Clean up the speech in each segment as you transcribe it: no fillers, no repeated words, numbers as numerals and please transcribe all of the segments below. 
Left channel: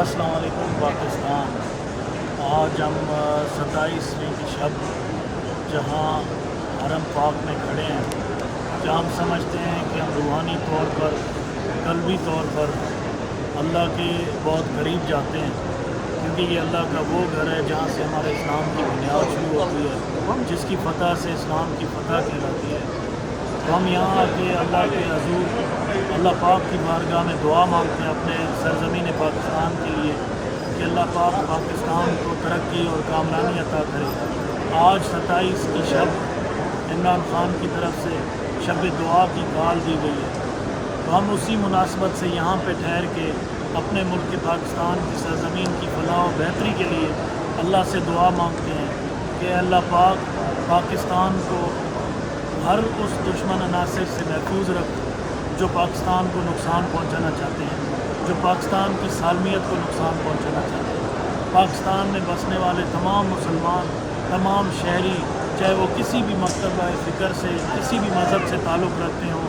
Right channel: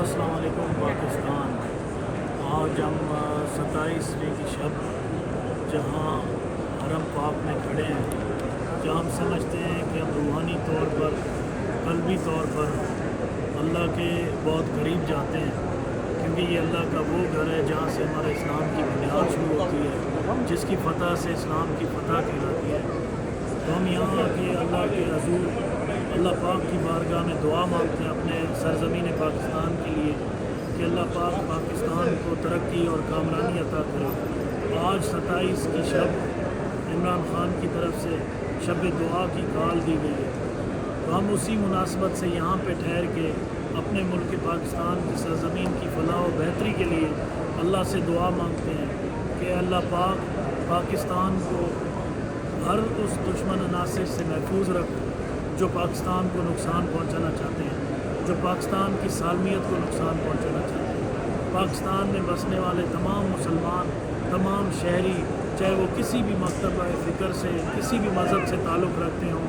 अस्सलाम वालेकुम पाकिस्तान। आज हम 27वीं की शब जहाँ हरम पाक में खड़े हैं, जहाँ हम समझते हैं कि हम रूहानी तौर पर, क़ल्बी तौर पर अल्लाह के बहुत करीब जाते हैं, क्योंकि ये अल्लाह का वो घर है जहाँ से हमारे इस्लाम की बुनियाद शुरू होती है, जिसकी फ़तह से इस्लाम की फ़तह कहलाती है। तो हम यहाँ आके अल्लाह के हज़ूर अल्लाह पाक की बारगाह में दुआ मांगते हैं अपने सरज़मीन पाकिस्तान के लिए कि अल्लाह पाक पाकिस्तान को तरक्की और कामयाबी अता करे। आज 27 की शब इमरान खान की तरफ से शब दुआ की कॉल दी गई है, तो हम उसी मुनासबत से यहाँ पे ठहर के अपने मुल्क पाकिस्तान की सरज़मीन की फलाह और बेहतरी के लिए अल्लाह से दुआ मांगते हैं कि अल्लाह पाक पाकिस्तान को हर उस दुश्मन अनासिर से महफूज रख जो पाकिस्तान को नुकसान पहुंचाना चाहते हैं, जो पाकिस्तान की सालमियत को नुकसान पहुंचाना चाहते हैं। पाकिस्तान में बसने वाले तमाम मुसलमान, तमाम शहरी, चाहे वो किसी भी मकतबा फ़िक्र से, किसी भी मज़हब से ताल्लुक़ रखते हों,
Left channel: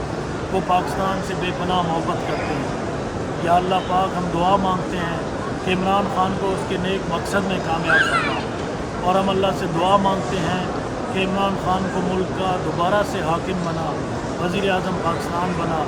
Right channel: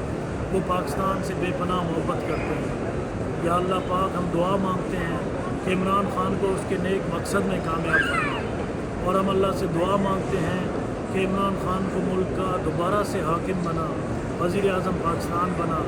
वो पाकिस्तान से बेपनाह मोहब्बत करते हैं। या अल्लाह पाक हम दुआ मांगते हैं कि इमरान खान को उसके नेक मकसद में कामयाब करना, और हम अल्लाह से दुआ मांगते हैं कि इमरान खान को मुल्क का दोबारा से हाकिम बना, वज़ीर आज़म पाकिस्तान बना,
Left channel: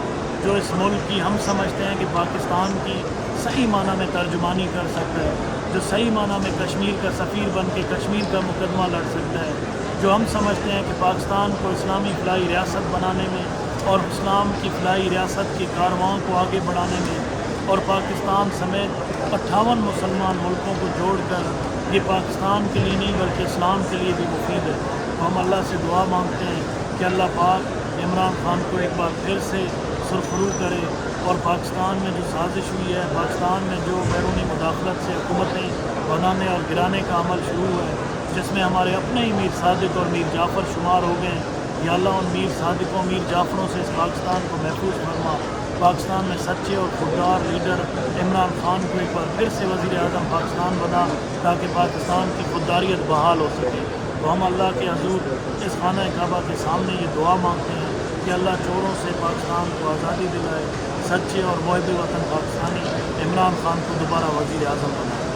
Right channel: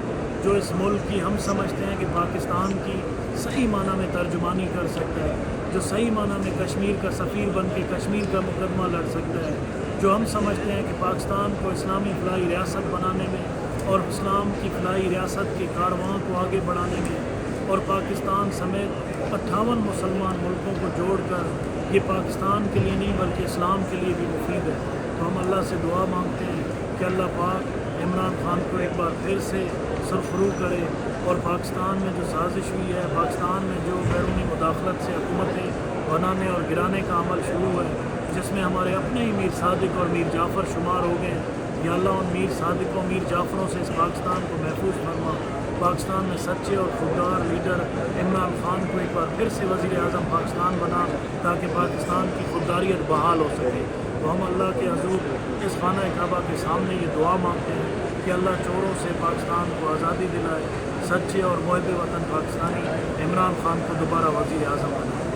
जो इस मुल्क की हम समझते हैं कि पाकिस्तान की सही माना में तर्जुमानी कर सकता है, जो सही माना में कश्मीर का सफ़ीर बन के कश्मीर का मुकदमा लड़ सकता है, जो हम समझते हैं कि पाकिस्तान को इस्लामी फ़लाही रियासत बनाने में और इस्लाम की फ़लाही रियासत के कारवां को आगे बढ़ाने में और पाकिस्तान समेत 58 मुसलमान मुल्कों को जोड़कर ये पाकिस्तान के लिए नहीं बल्कि इस्लाम के लिए भी मुफीद है। तो हम अल्लाह से दुआ मांगते हैं कि अल्लाह पाक इमरान खान को एक बार फिर से सरफरू करे, और पाकिस्तान में जो साजिश हुई है, पाकिस्तान में जो बैरूनी मुदाखलत से हुकूमतें बनाने और गिराने का अमल शुरू है, जिसमें हमारे अपने ही मीर सादिक और मीर जाफ़र शुमार हो गए, या अल्लाह उन मीर सादिकों मीर जाफ़रों से इस पाकिस्तान को महफूज फरमा। पाकिस्तान में सच्चे और खुददार लीडर इमरान खान को एक बार फिर से वज़ीर आज़म पाकिस्तान बना, ताकि पाकिस्तान की खुददारियत बहाल हो सके। तो हम अल्लाह के हज़ूर इस खाना काबा के सामने ये दुआ मांगते हैं कि अल्लाह चोरों से पाकिस्तान को आज़ादी दिलाए, सच्चे और मुहिब वतन पाकिस्तानी इमरान खान को दोबारा वज़ीर आज़म बनाए।